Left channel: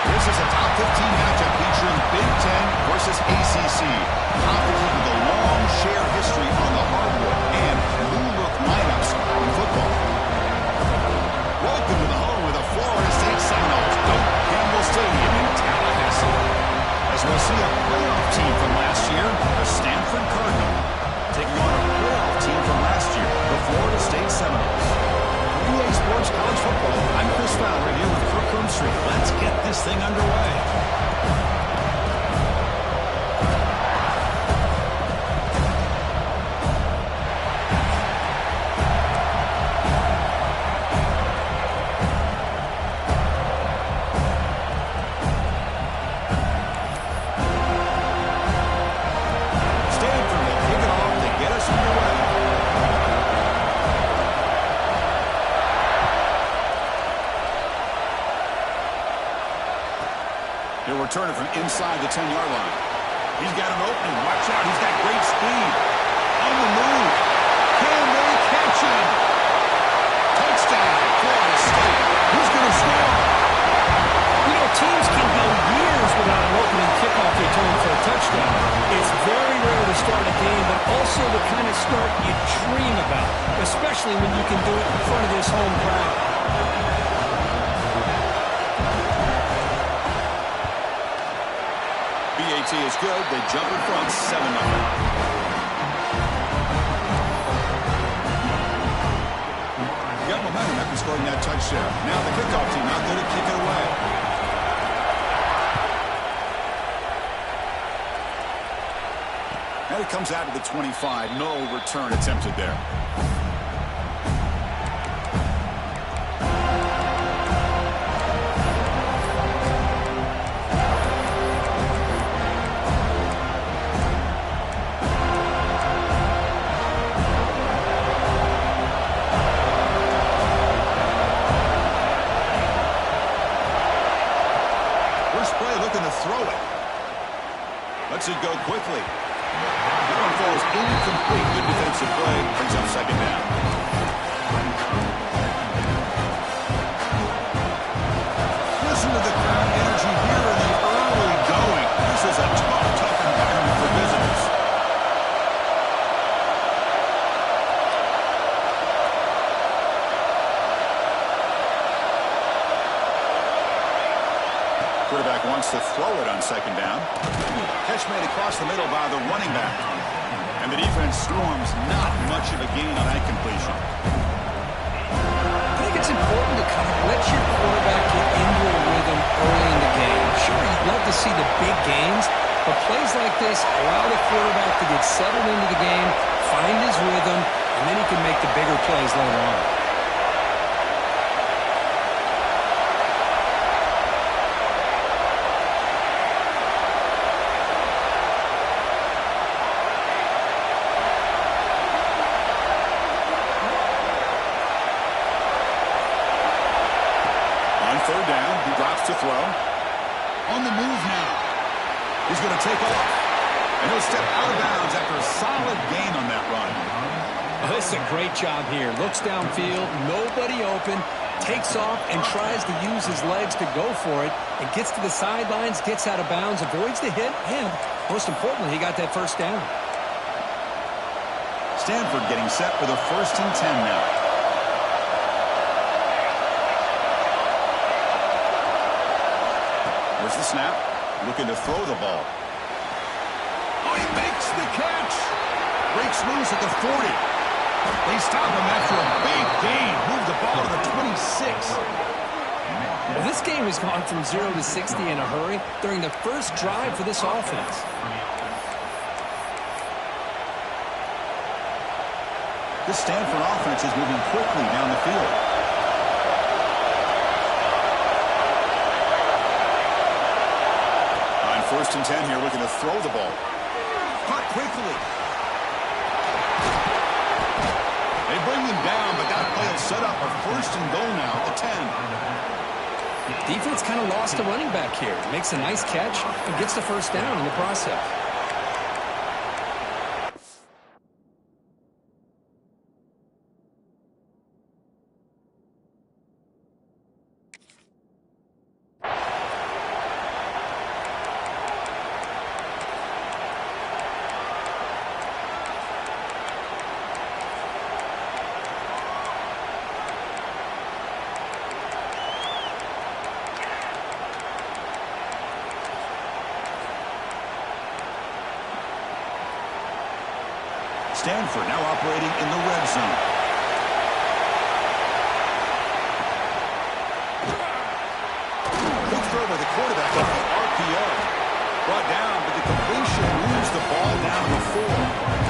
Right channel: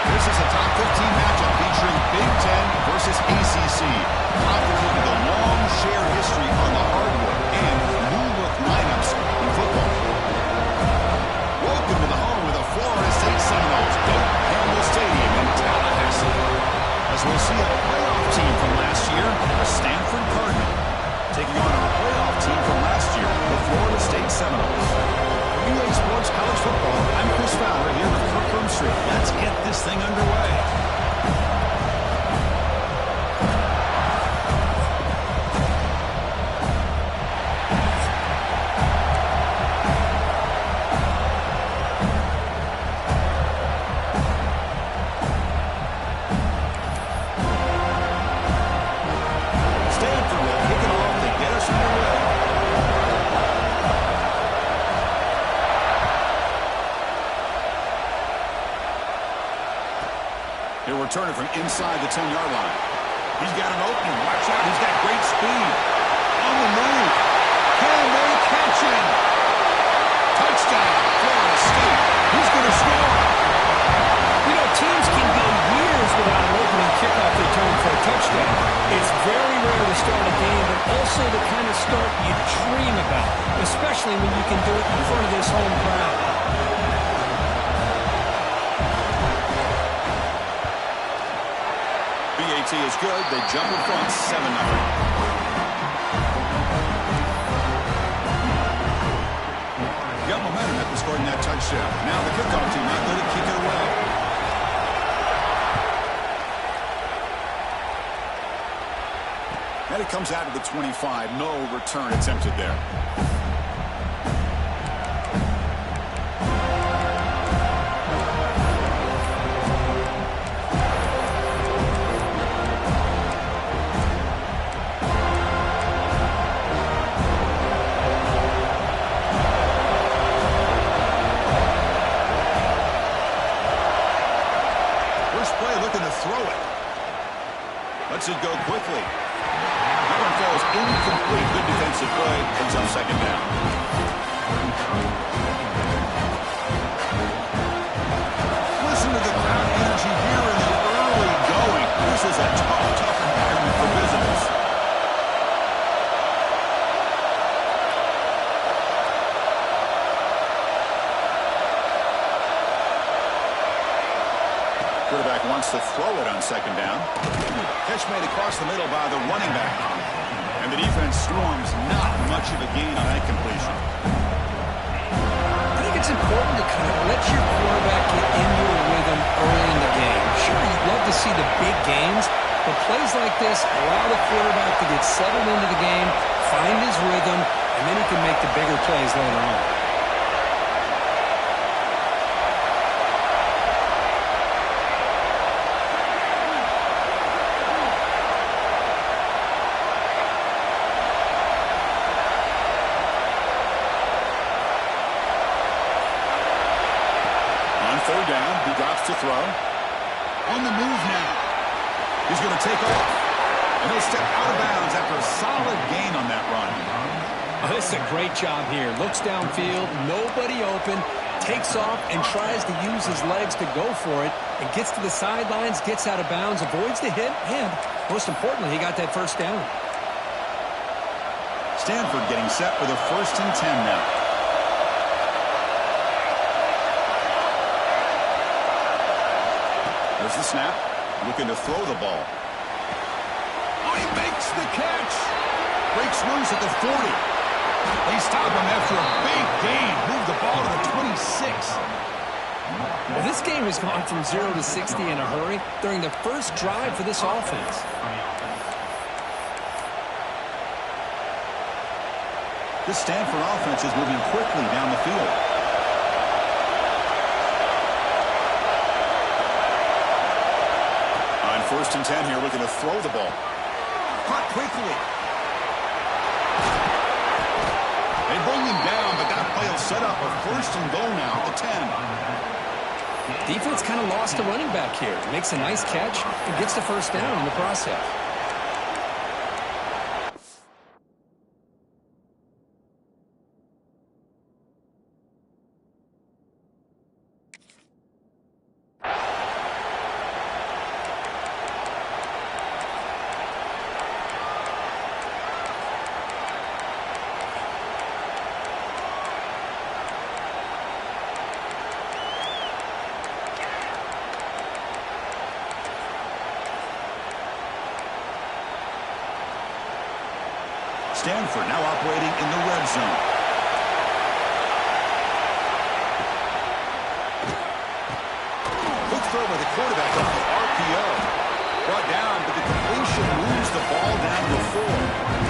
This is a top 15 matchup featuring Big Ten versus ACC. Conferences with a long shared history on the hardwood and new-look lineups in football. Welcome to the home of the Florida State Seminoles, Doak Campbell Stadium in Tallahassee. As we'll see a playoff team from last year, the Stanford Cardinal, taking on a playoff team from last year, the Florida State Seminoles. For EA Sports College Football, I'm Chris Fowler here with Kirk Broomstreet. Let's get this thing underway. Stanford will kick it off to get us underway. He'll return it from inside the 10-yard line. He's got an opening. Watch out. He's got great speed. On the move. Can they catch him? Touchdown, Florida State. Who's going to score? You know, teams can go years without an opening kickoff return for a touchdown. It's very rare to start a game, but also the kind of start you dream about, especially when you can do it in front of this home crowd. BAT is good. They jump in front 7-0. Got momentum after scoring that touchdown. Now the kickoff team out there to kick it away. And it comes out to the 25. No return attempted there. First play looking to throw it. Lets it go quickly. That one falls incomplete. Good defensive play. Brings up second down. Listen to the crowd energy here in the early going. This is a tough environment for visitors. Quarterback wants to throw it on second down. Catch made across the middle by the running back. And the defense storms. Not much of a gain on that completion. I think it's important to kind of let your quarterback get into a rhythm early in the game. Sure, you'd love to see the big gains, but plays like this allow the quarterback to get settled into the game, find his rhythm, and then he can make the bigger plays later on. Third down, he drops to throw. On the move now. He's going to take off. And he'll step out of bounds after a solid gain on that run. Oh, this is a great job here. Looks downfield, nobody open, takes off and tries to use his legs to go for it, and gets to the sidelines, gets out of bounds, avoids the hit, and most importantly, he got that first down. Stanford getting set for the 1st and 10 now. There's the snap. Looking to throw the ball. Oh, he makes the catch. Breaks loose at the 40. They stop him after a big gain. Move the ball to the 26. Well, this game has gone from 0 to 60 in a hurry during the first drive for this offense. This Stanford offense is moving quickly down the field. On 1st and 10 here, looking to throw the ball. Caught quickly. They bring him down, but that play will set up a 1st and goal now at the 10. Defense kind of lost a running back here. Makes a nice catch and gets the first down in the process. Stanford now operating in the red zone. Quick throw by the quarterback on the RPO. Brought down, but the completion moves the ball down to the 4.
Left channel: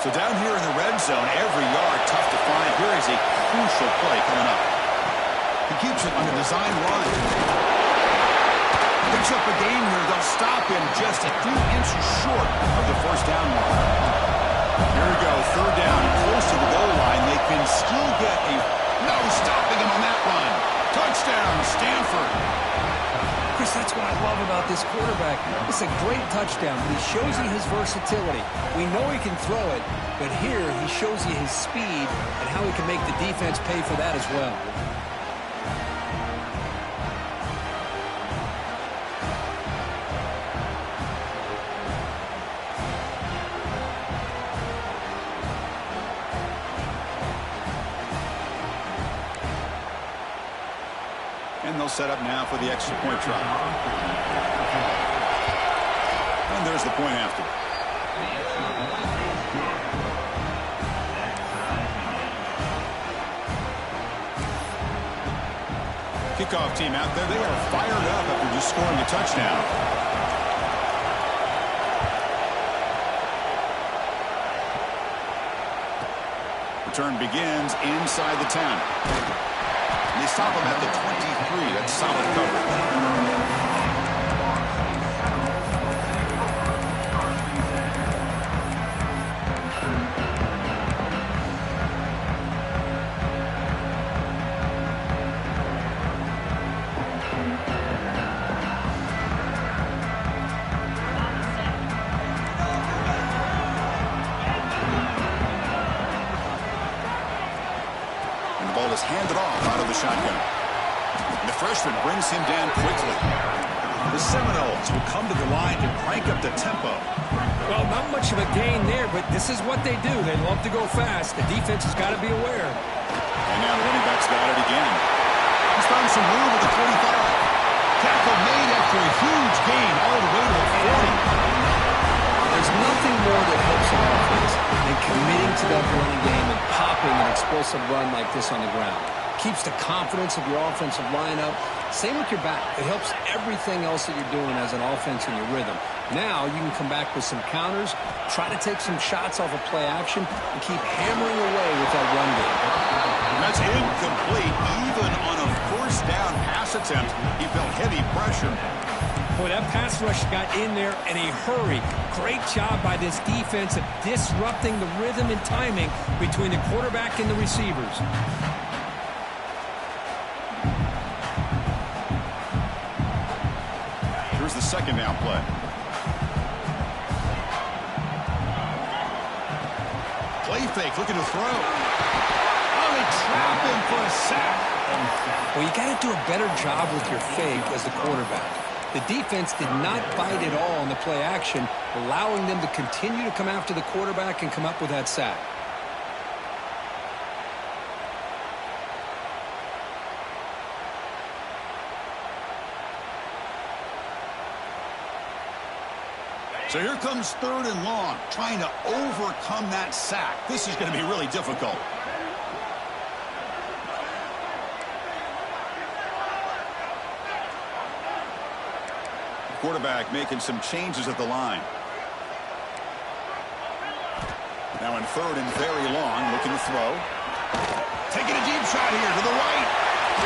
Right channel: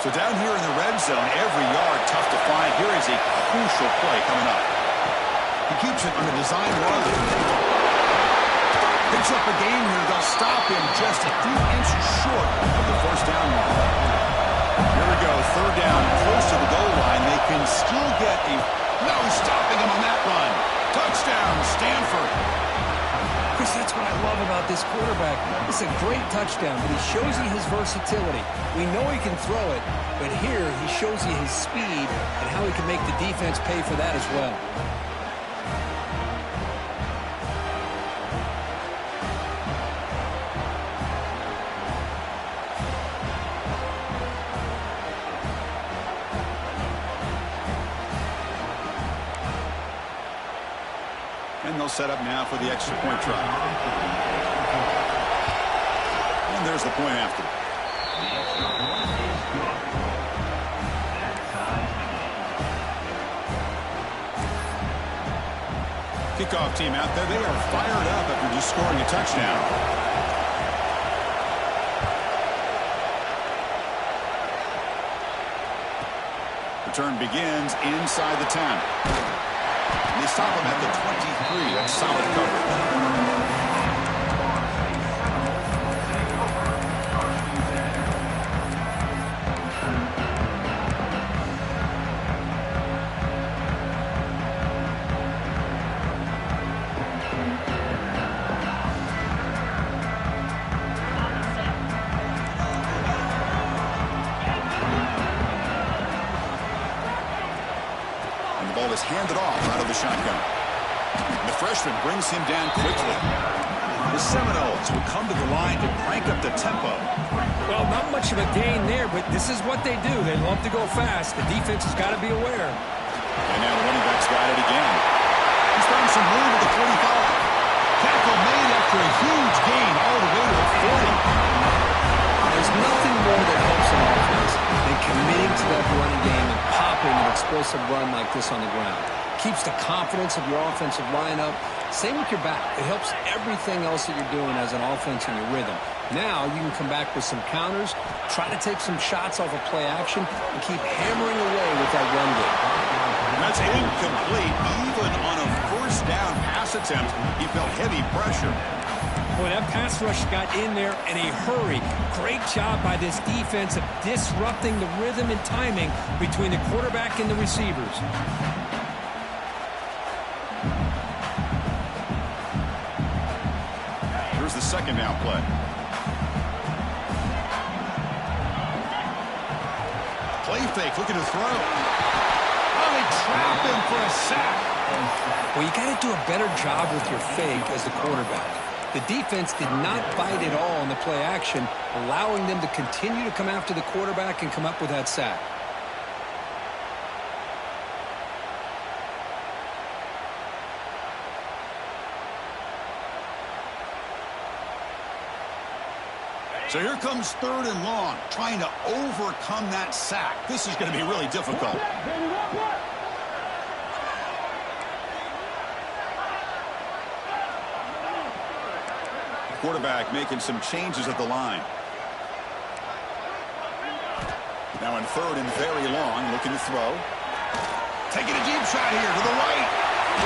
So down here in the red zone, every yard tough to find. Here is a crucial play coming up. He keeps it on a design run. Picks up a gain here. They'll stop him just a few inches short of the first down mark. Here we go, third down, close to the goal line. They can still get a... No stopping him on that run. Touchdown, Stanford. Chris, that's what I love about this quarterback. It's a great touchdown, but he shows you his versatility. We know he can throw it, but here he shows you his speed and how he can make the defense pay for that as well. And they'll set up now for the extra point try. And there's the point after. Kickoff team out there. They are fired up after just scoring a touchdown. Return begins inside the 10. They stop him at the 23. That's solid coverage. Is handed off out of the shotgun. And the freshman brings him down quickly. The Seminoles will come to the line to crank up the tempo. Well, not much of a gain there, but this is what they do. They love to go fast. The defense has got to be aware. And now the running back's got it again. He's found some room at the 45. Tackle made after a huge gain all the way to the 40. There's nothing more that helps an offense than committing to that running game and popping an explosive run like this on the ground. Keeps the confidence of your offensive lineup. Same with your back. It helps everything else that you're doing as an offense in your rhythm. Now you can come back with some counters, try to take some shots off of play action, and keep hammering away with that run game. That's incomplete. Even on a first down pass attempt, he felt heavy pressure. Boy, that pass rush got in there in a hurry. Great job by this defense of disrupting the rhythm and timing between the quarterback and the receivers. Here's the second down play. Play fake, looking to throw. Oh, they trap him for a sack. Well, you got to do a better job with your fake as the quarterback. The defense did not bite at all on the play action, allowing them to continue to come after the quarterback and come up with that sack. So here comes third and long, trying to overcome that sack. This is going to be really difficult. Quarterback making some changes at the line. Now in third and very long, looking to throw. Taking a deep shot here to the right.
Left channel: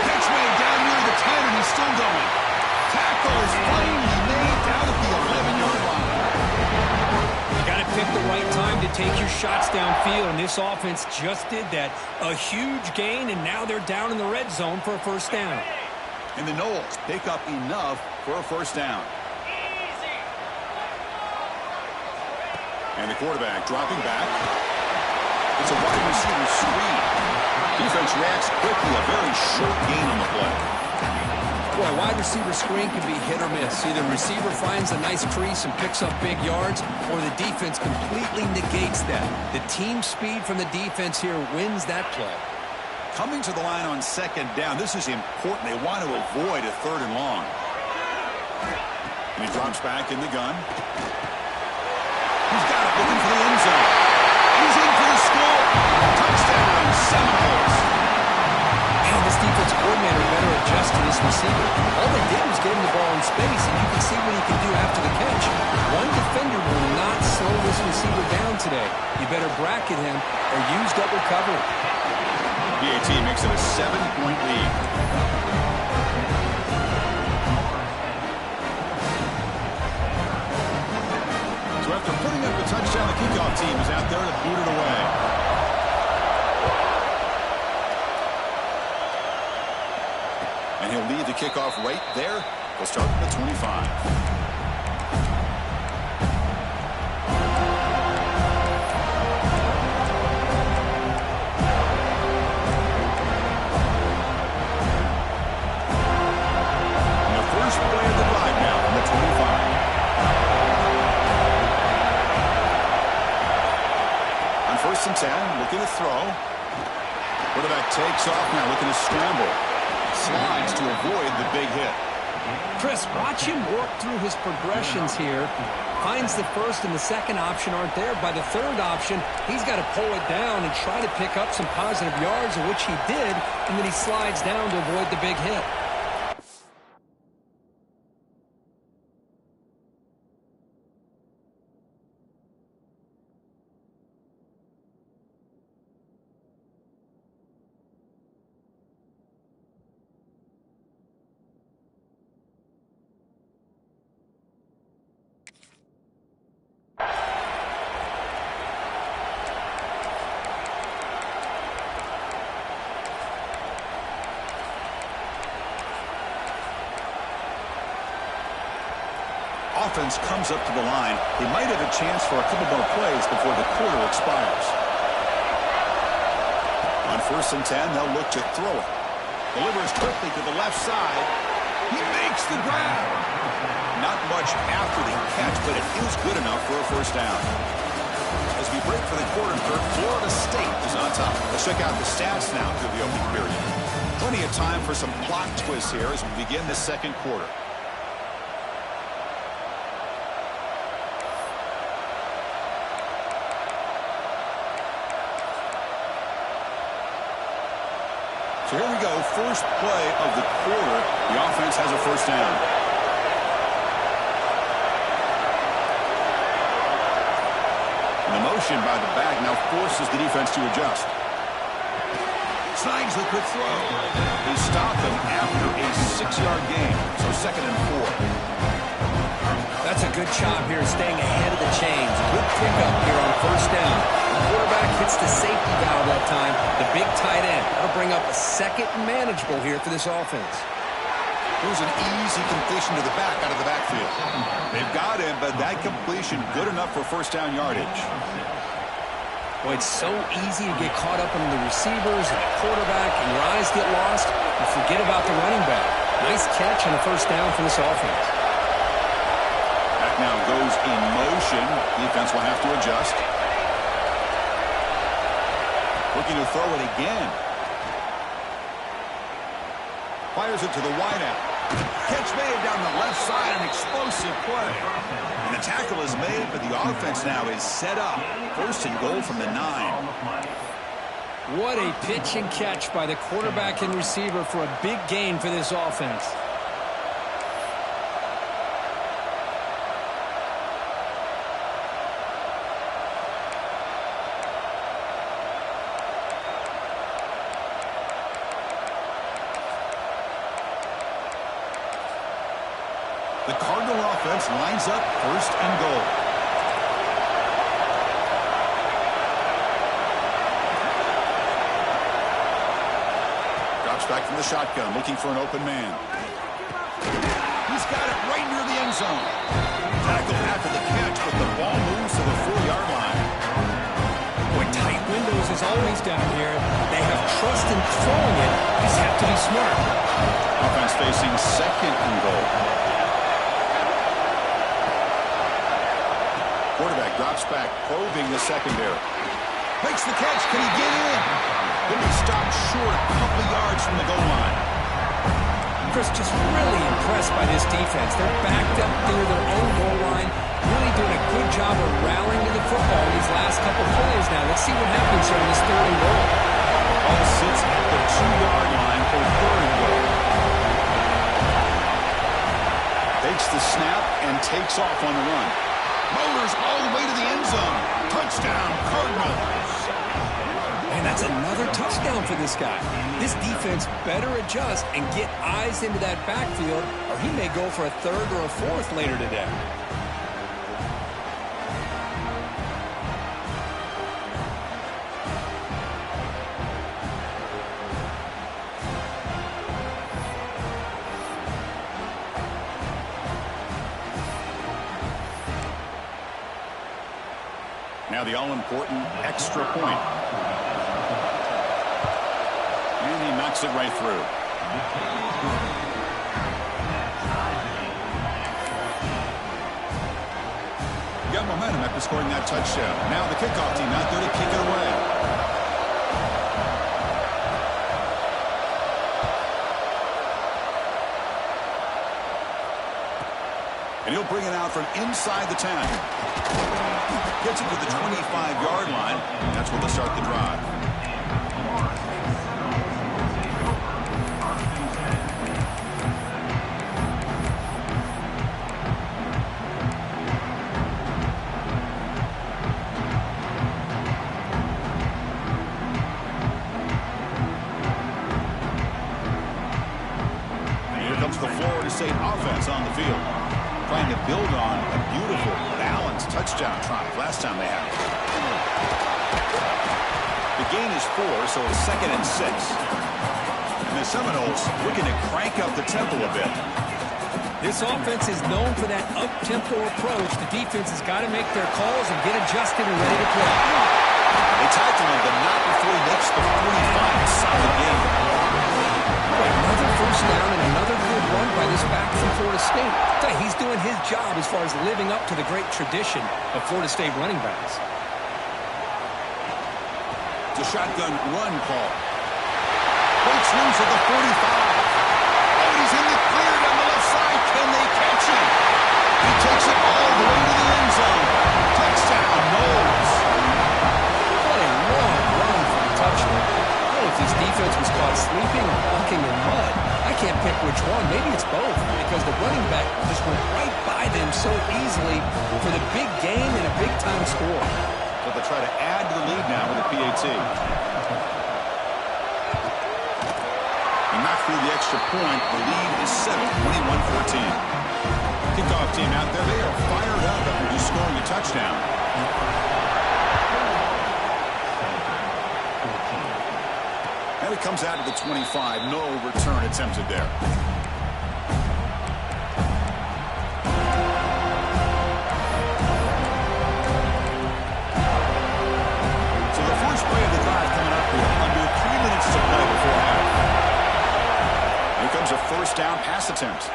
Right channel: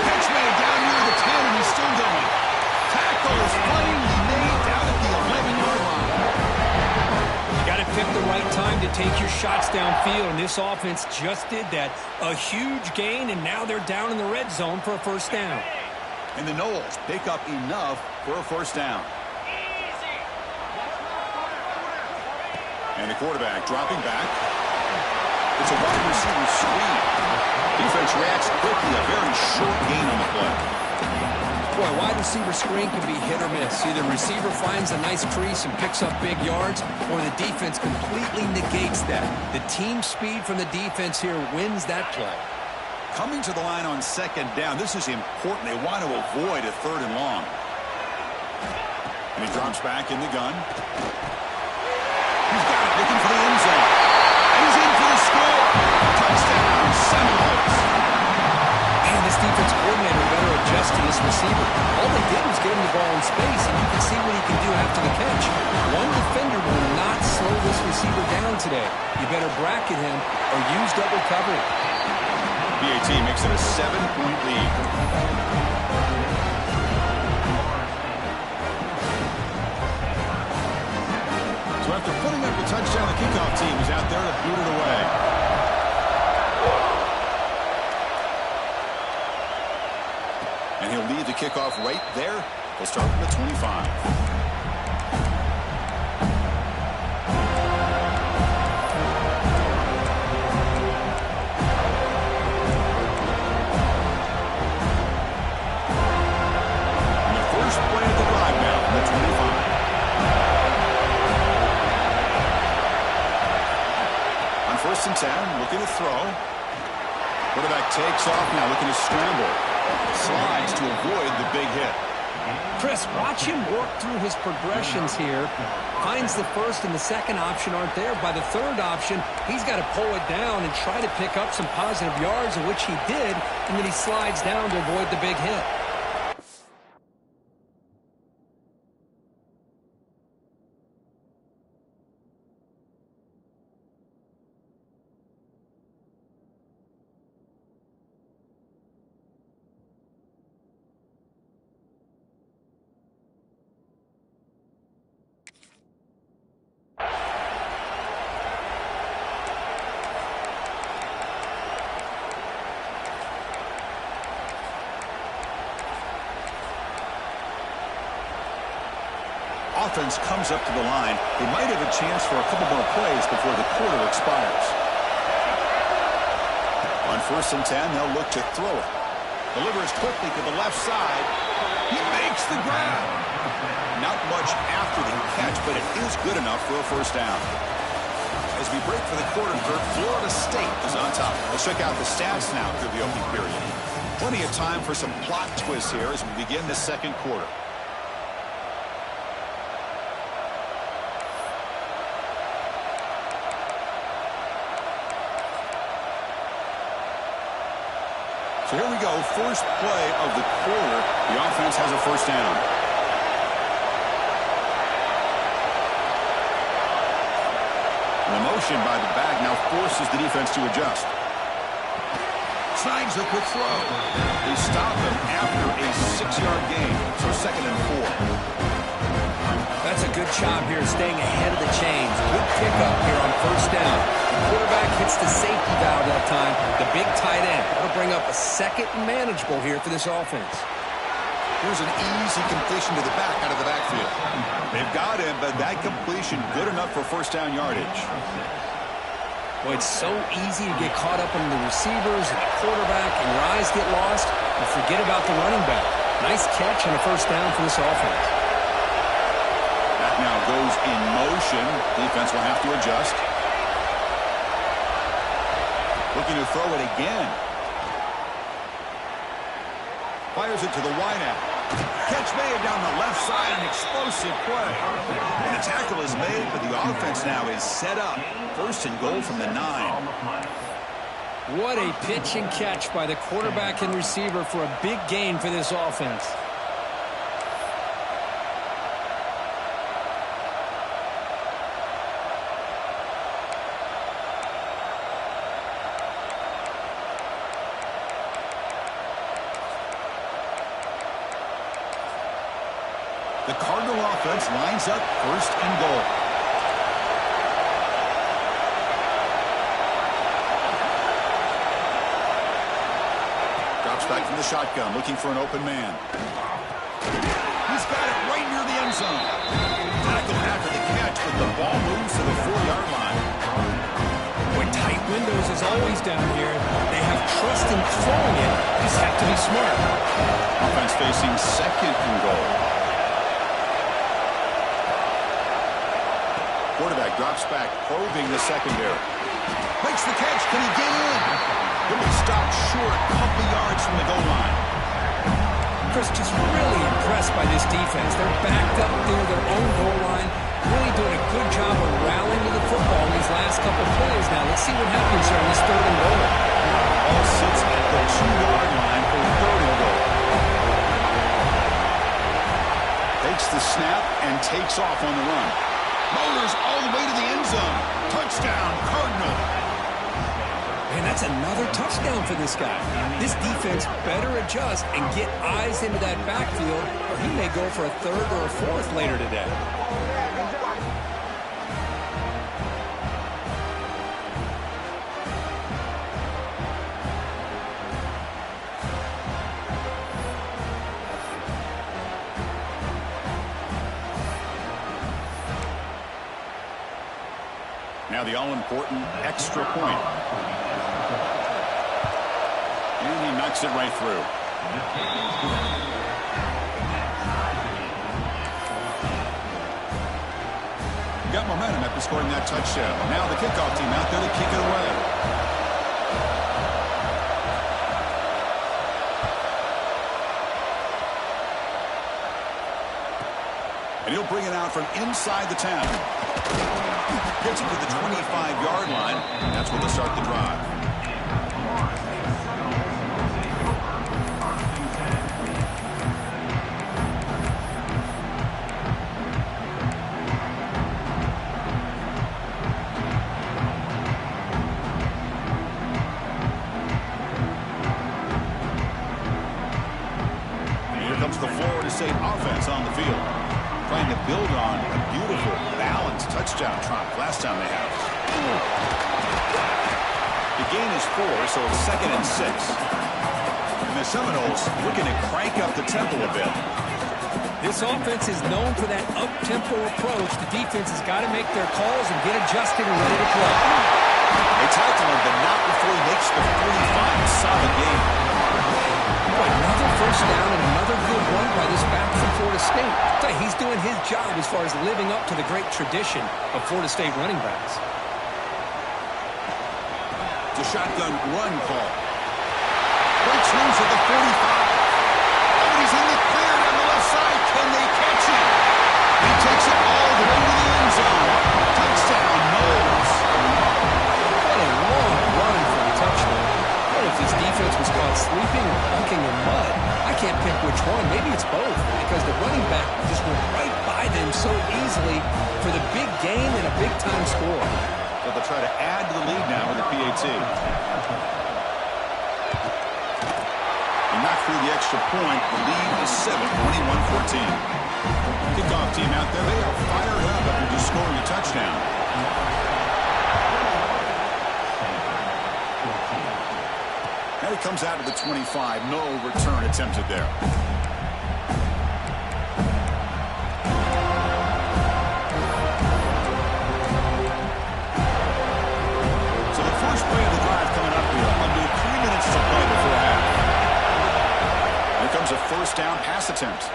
Catch made down near the 10, and he's still going. Tackle is finally made down at the 11-yard line. You got to pick the right time to take your shots downfield, and this offense just did that. A huge gain, and now they're down in the red zone for a first down. And the Noles pick up enough for a first down. And the quarterback dropping back. It's a wide receiver screen. Defense reacts quickly. A very short gain on the play. Boy, wide receiver screen can be hit or miss. Either receiver finds a nice crease and picks up big yards, or the defense completely negates that. The team speed from the defense here wins that play. Coming to the line on second down, this is important. They want to avoid a third and long. And he drops back in the gun. He's got it, looking for the end zone. He's in for the score. Touchdown, Seminoles. Man, this defense coordinator better adjust to this receiver. All they did was get him the ball in space, and you can see what he can do after the catch. One defender will not slow this receiver down today. You better bracket him or use double coverage. BAT makes it a 7-point lead. So after putting up a touchdown, the kickoff team is out there to boot it away. And he'll lead the kickoff right there. We'll start from the 25. And the first play of the drive now from the 25. On 1st and 10, looking to throw. Quarterback takes off now, looking to scramble. Slides to avoid the big hit. Chris, watch him work through his progressions here. Finds the first and the second option aren't there. By the third option, he's got to pull it down and try to pick up some positive yards, which he did, and then he slides down to avoid the big hit. Offense comes up to the line. They might have a chance for a couple more plays before the quarter expires. On 1st and 10, they'll look to throw it. Delivers quickly to the left side. He makes the grab. Not much after the catch, but it is good enough for a first down. As we break for the quarter, Florida State is on top. Let's check out the stats now through the opening period. Plenty of time for some plot twists here as we begin the second quarter. So here we go, first play of the quarter. The offense has a first down. And the motion by the back now forces the defense to adjust. Snags the quick throw. They stop him after a 6-yard gain, so 2nd and 4. That's a good job here staying ahead of the chains. Good pickup here on first down. The quarterback hits the safety valve that time, the big tight end. That'll bring up a second and manageable here for this offense. Here's an easy completion to the back out of the backfield. They've got him, but that completion good enough for first down yardage. Boy, it's so easy to get caught up in the receivers and the quarterback, and your eyes get lost. You forget about the running back. Nice catch and a first down for this offense. Back now goes in motion. Defense will have to adjust. Looking to throw it again. Fires it to the wideout. Catch made down the left side, an explosive play. And the tackle is made, but the offense now is set up. 1st and goal from the 9. What a pitch and catch by the quarterback and receiver for a big gain for this offense. The Cardinal offense lines up 1st and goal. Drops back from the shotgun, looking for an open man. He's got it right near the end zone. Tackle after the catch, but the ball moves to the 4-yard line. Boy, tight windows as always down here. They have trust in throwing it. You just have to be smart. Offense facing second and goal. Quarterback drops back, probing the secondary. Makes the catch. Can he get in? He'll be stopped short a couple yards from the goal line. Chris, just really impressed by this defense. They're backed up near their own goal line, really doing a good job of rallying to the football in these last couple plays. Now, let's see what happens here on this third and goal. Ball sits at the 2-yard line for third and goal. Takes the snap and takes off on the run. Motors all the way to the end zone. Touchdown, Cardinals. And that's another touchdown for this guy. This defense better adjust and get eyes into that backfield, or he may go for a third or a fourth later today. Now the all-important extra point. And he knocks it right through. Got momentum after scoring that touchdown. Now the kickoff team out there to kick it away. And he'll bring it out from inside the 10. Gets it to the 25-yard line. That's where they'll start the drive. And here comes the Florida State offense on the field, trying to build on a beautiful, balanced touchdown drive last time they had it. The gain is 4, so it's 2nd and 6. And the Seminoles looking to crank up the tempo a bit. This offense is known for that up-tempo approach. The defense has got to make their calls and get adjusted and ready to play. They tackle him, but not before he makes the 45. A solid game. Boy, another first down and another good run by this back from Florida State. He's doing his job as far as living up to the great tradition of Florida State running backs. It's a shotgun run call. Breaks loose at the 45. Oh, and he's in the clear down the left side. Can they catch him? He takes it all the way to the end zone. Touchdown, Knowles. What a long run for the touchdown. I don't know if this defense was caught sleeping or walking in mud. I can't pick which one. Maybe it's both, because the running back just went right by them so easily for the big gain and a big-time score. So they'll try to add to the lead now with a PAT. He knocked through the extra point. The lead is 7, 21-14. Kickoff team out there. They are fired up after just scoring a touchdown. And it comes out to the 25. No return attempted there. So the first play of the drive coming up here. Under 3 minutes to play before half. Here comes a first down pass attempt.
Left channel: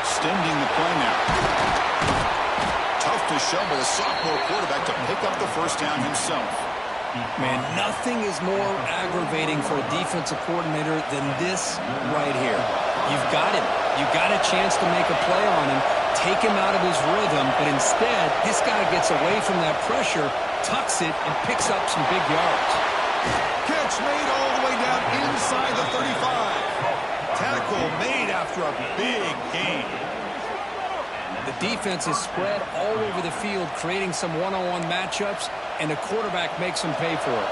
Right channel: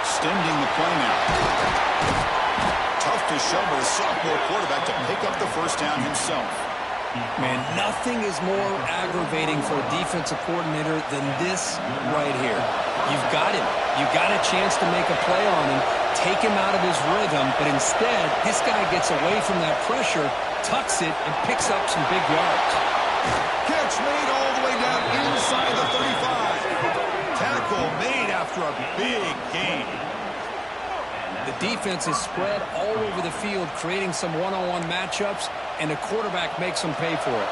Extending the play now. Tough to show by the sophomore quarterback to pick up the first down himself. Man, nothing is more aggravating for a defensive coordinator than this right here. You've got him. You've got a chance to make a play on him, take him out of his rhythm, but instead, this guy gets away from that pressure, tucks it, and picks up some big yards. Catch made all the way down inside the 35. Tackle made after a big gain. The defense is spread all over the field, creating some one-on-one matchups, and the quarterback makes them pay for it.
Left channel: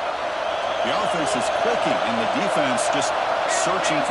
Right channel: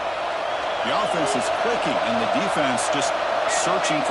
The offense is clicking, and the defense just searching for